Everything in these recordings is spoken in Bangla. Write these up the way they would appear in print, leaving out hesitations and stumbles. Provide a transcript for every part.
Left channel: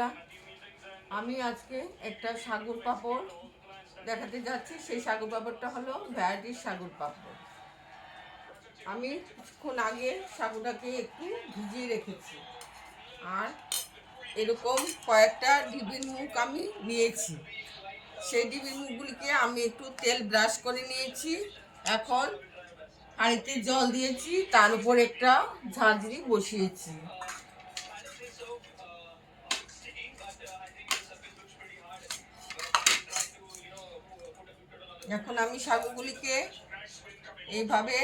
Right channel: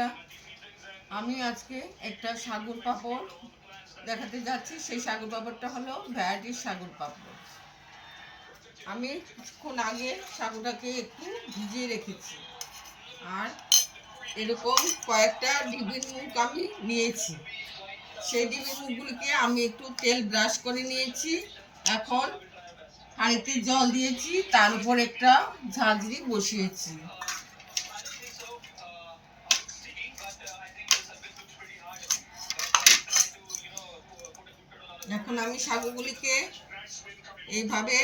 বন্ধুরা, আমি আজকে একটা সাগর পাঁপড় দেখাতে যাচ্ছি। সেই সাগর পাঁপড়টা হলো ভ্যারাইটির সাগর পাঁপড়। আমি কিছুক্ষণ আগে সাগরটাকে একটু ভিজিয়ে রেখেছি, আর এরকম কয়েকটা ডিবির মুখ আমি নিয়েছি। সেই ডিবির মুখগুলিকে আমি একটু তেল ব্রাশ করে নিয়েছি। এখন হাঁড়িতে জল দিয়েছি, তার উপর একটা ঝাঁঝরি বসিয়েছি। এখন আমি সাগরগুলিকে এইভাবে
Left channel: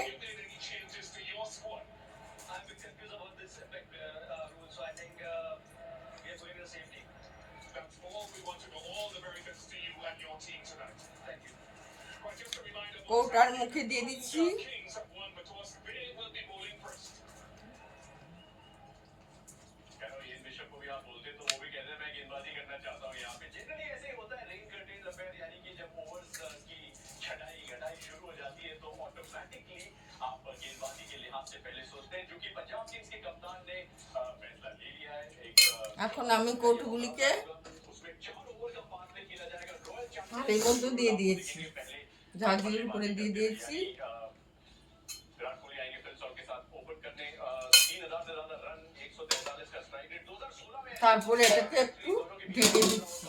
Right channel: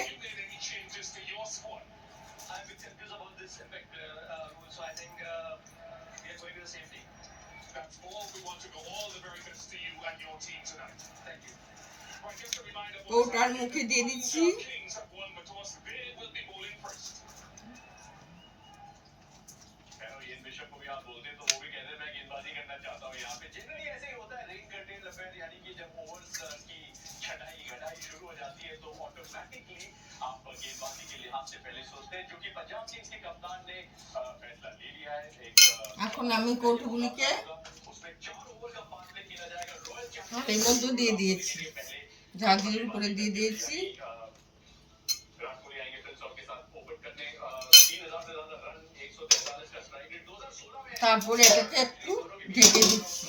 কৌটার মুখে দিয়ে দিচ্ছি। এখন আমি কৌটোগুলিকে এর মধ্যে দিয়ে দিয়েছি, ঝাঁঝরির উপরে দিয়ে দিয়েছি। তারপরে এটাকে একটু ঢেকে দিচ্ছি।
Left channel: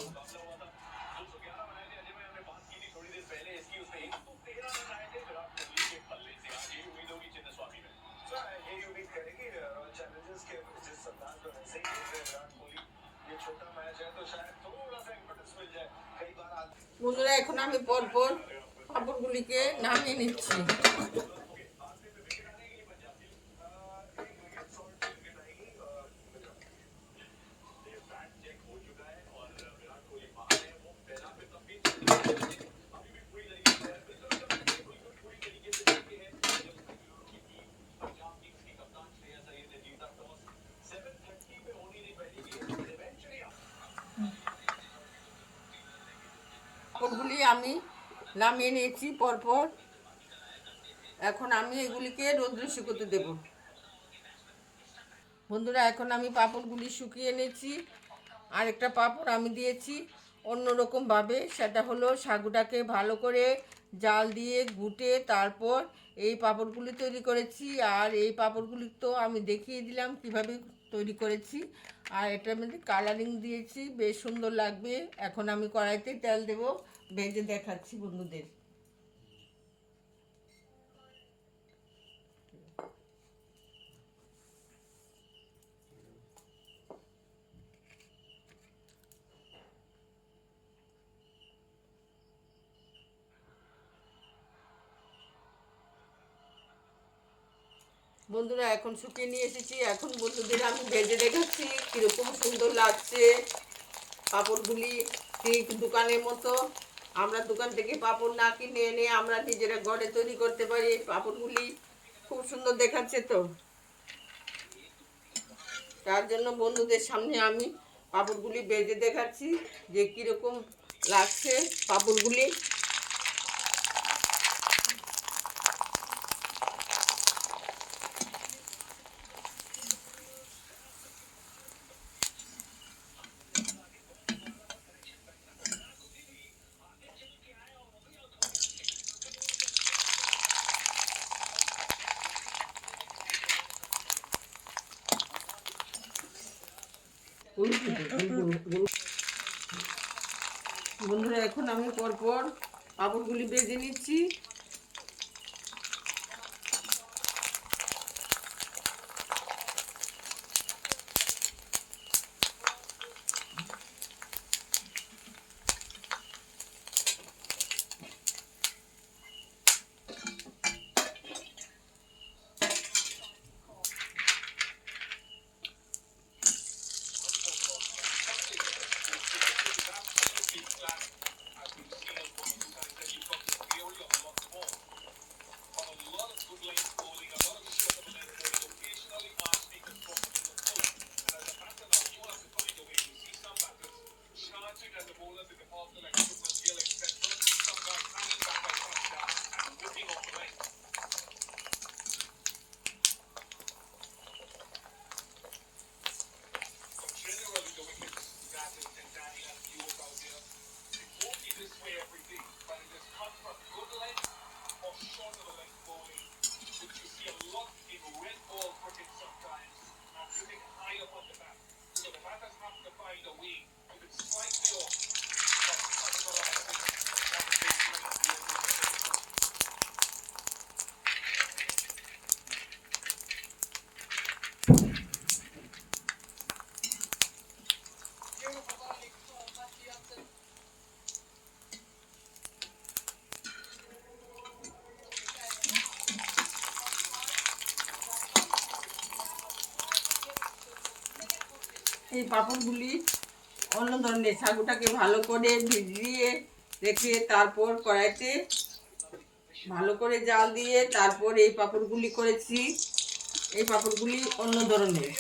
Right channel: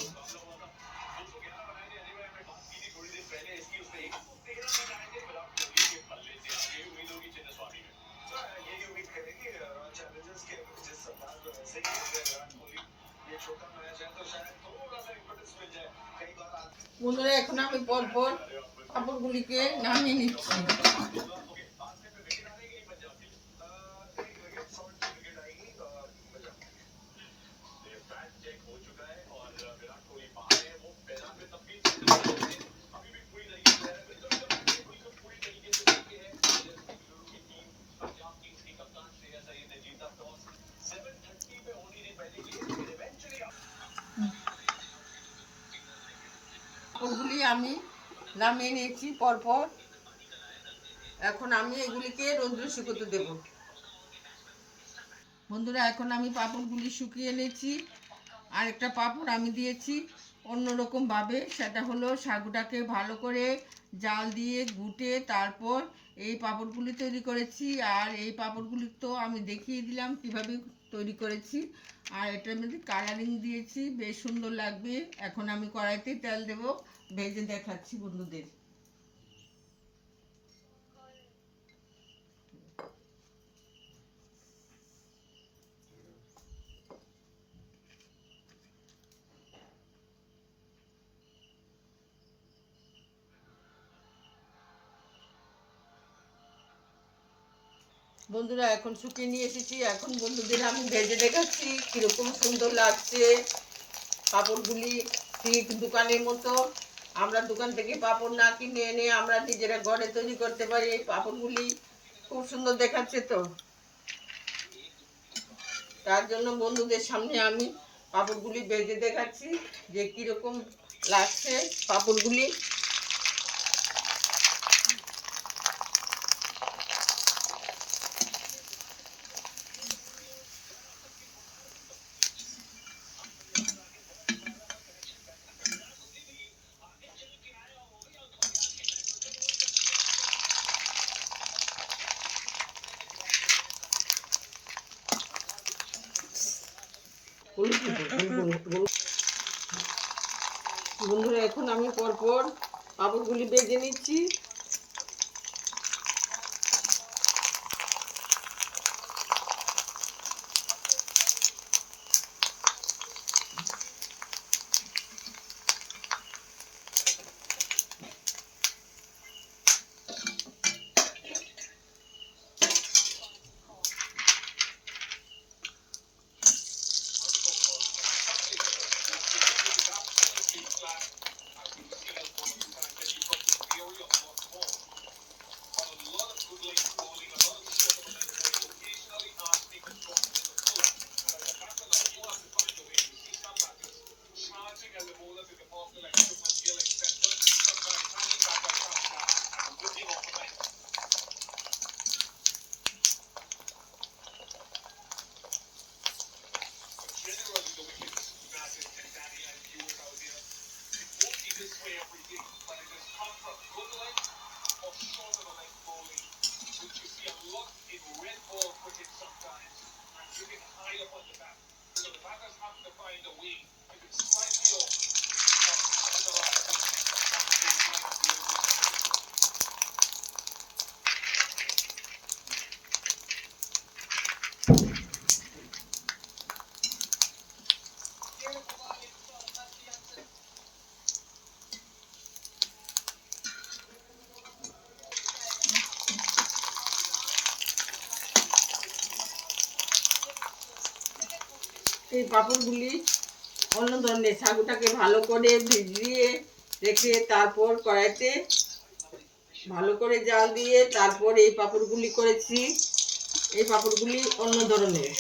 বন্ধুরা, এখন আমি পরপর পাঁপড়গুলিকে নামিয়ে নিচ্ছি। পাঁপড়গুলি আমি নামিয়ে নিয়েছি পরপর। এখন আমি এগুলিকে রোদ্রে শুকোতে দেব। বন্ধুরা, এখন আমি পাঁপড়গুলি শুকিয়ে নিয়েছি। আরেকটা পাঁপড় আমি দিয়েছি অন্যরকমভাবে। সেটা হলো সাগুটাকে ভালো করে জাল দিয়ে ঘুটে তারপর এই পাঁপড়গুলি তৈরি করেছি। আর এই পাঁপড়গুলি তো আমি দেখিয়ে দিলাম কিভাবে তৈরি করেছি। আর এটার মধ্যে কালারিং দিয়েছি, বেশ সুন্দর লাগবে। এখন আমি কড়াইতে তেল দেব, ভেজে দেখাচ্ছি বন্ধুদের। বন্ধুরা, এখন শুকিয়ে নিয়ে এসেছি। এখন বন্ধুদের আমি ভেজে দেখাচ্ছি কীরকম সুন্দর লাগছে পাঁপড়গুলি। ঠিক দোকানের মতো। আমরা দোকান থেকে পাঁপড় না কিনে এনে আমরা নিজেরা ঘরে তৈরি করতে পারি। পাঁপড়গুলি খুব সুন্দর দেখাচ্ছে তো, তার জন্য বন্ধুদের সামনে আমি পাঁপড়গুলি ভেজে দেখাচ্ছি যে কীরকম লাগছে পাঁপড়গুলি। বন্ধুরা, এখন আমি পরপর পাঁপড়গুলি ভেজে নিচ্ছি। এই পাঁপড়গুলি অন্য ধরনের, সাগুটাকে ভালো করে ভিজিয়ে রেখে তারপর কড়াইতে ভালো করে জাল দিয়ে তারপর এই পাঁপড়গুলি করেছি। এই পাঁপড়গুলি অন্য ধরনের।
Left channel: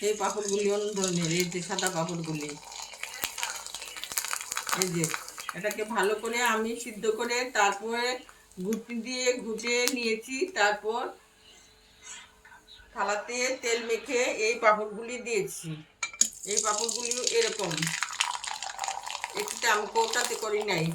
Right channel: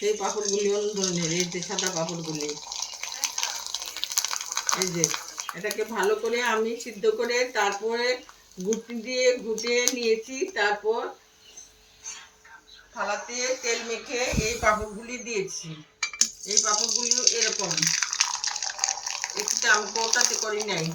সেই পাঁপড়গুলি অন্য ধরনের। এই যে সাদা পাঁপড়গুলি, এই যে এটাকে ভালো করে আমি সিদ্ধ করে তারপরে গুটি দিয়ে গুটিয়ে নিয়েছি। তারপর থালাতে তেল মেখে এই পাঁপড়গুলি দিয়েছি। এই পাঁপড়গুলিও এরকম, একটু আমি কৌটাতে করি নাই।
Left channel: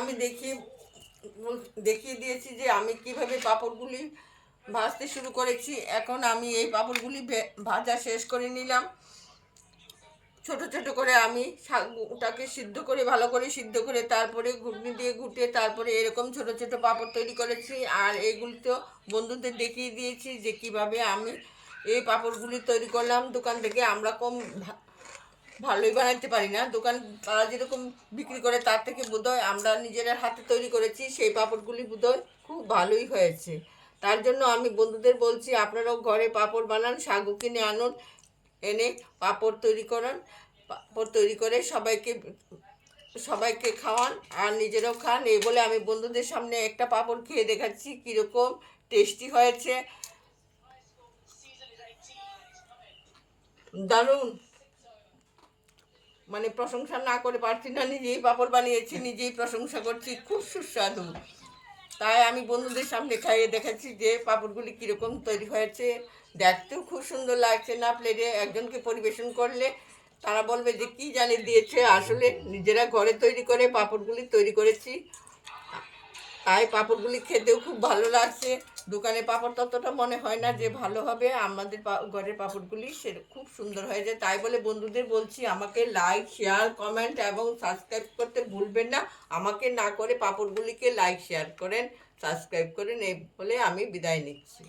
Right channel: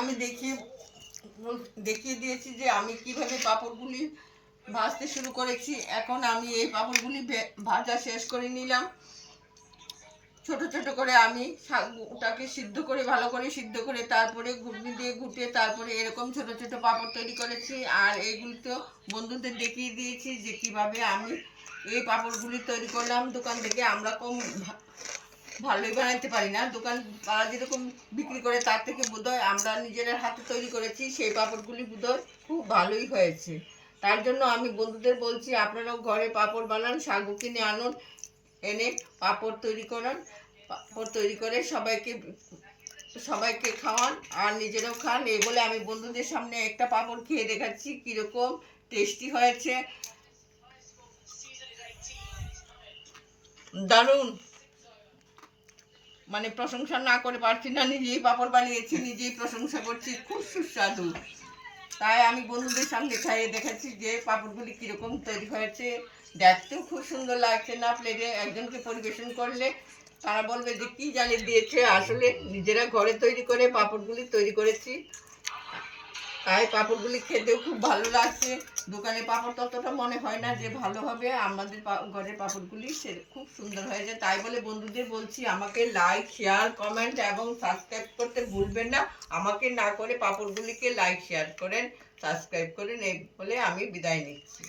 আমি দেখিয়ে দিয়েছি যে আমি কিভাবে পাঁপড়গুলি ভাজতে শুরু করেছি। এখন আমি এই পাঁপড়গুলি ভাজা শেষ করে নিলাম। ছোট ছোট করে আমি ওটাকে সিদ্ধ করে ভালো করে সিদ্ধ করে তারপরে ঘুগনি দিয়ে ঘুটে তারপরে এরকম ছোট ছোট পাঁপড় তৈরি করেছি। আর এগুলি তো বন্ধুদের দেখিয়ে দিয়েছি যে কিভাবে আমি এই পাঁপড়গুলি তৈরি করলাম দোকান থেকে। আমরা কম ভালোই বানাইতে পারি না, দোকান তারা যেরকম বিক্রি করে তার থেকে বোধহয় আমরা নিজেরা হাতে তৈরি করেছি সেই পাঁপড়গুলি বোধহয় খুব ভালোই হয়েছে। তার জন্য আমি বন্ধুদের বলছি আপনারাও ঘরে পাঁপড় বানান, সাগু কিনে আনুন, এনে পাঁপড় তৈরি করান, পাঁপড় তৈরি করে সবাইকে খাওয়ান আর নিজেরাও খান। এই বলে আমি বন্ধুদের সামনে একটা পাঁপড় খেয়ে দেখাচ্ছি কীরকম টেস্টি হয়েছে। দারুণ, মানে প্রশংসা না করে পারছি না, নিজেই পাঁপড় বানিয়েছি, নিজেই প্রশংসা করছি, খুব সুস্বাদু। তাই আমি বন্ধুদের সামনে খাইয়ে দেখাচ্ছি যে পাঁপড়গুলি কীরকম তৈরি হয়েছে। দেখতেও খুব সুন্দর লাগছে না, প্লেটে একজনকে পরিবেশন করলে তারা বলবে যে কী জানি দিয়েছে। আসলে নিজেরা ঘরে তৈরি করে পাঁপড়গুলি তৈরি করেছি, তাই পাঁপড়গুলি খেতেও খুব ভালো লাগছে। দোকানে পাঁপড় ততটা মনে হয় না যে ভালো হবে, আমাদের ঘরের পাঁপড়গুলি সে খুব সুন্দর হয়ে যায়। তাই বলে বন্ধুদের বলছি আমাকে লাইক, শেয়ার, কমেন্ট এবং সাবস্ক্রাইব করতে ভুলবেন না। আমাকে না করে পাঁপড়গুলিকে লাইক, শেয়ার করেন, সাবস্ক্রাইব করেন, এই বলে আমি বিদায় নিচ্ছি।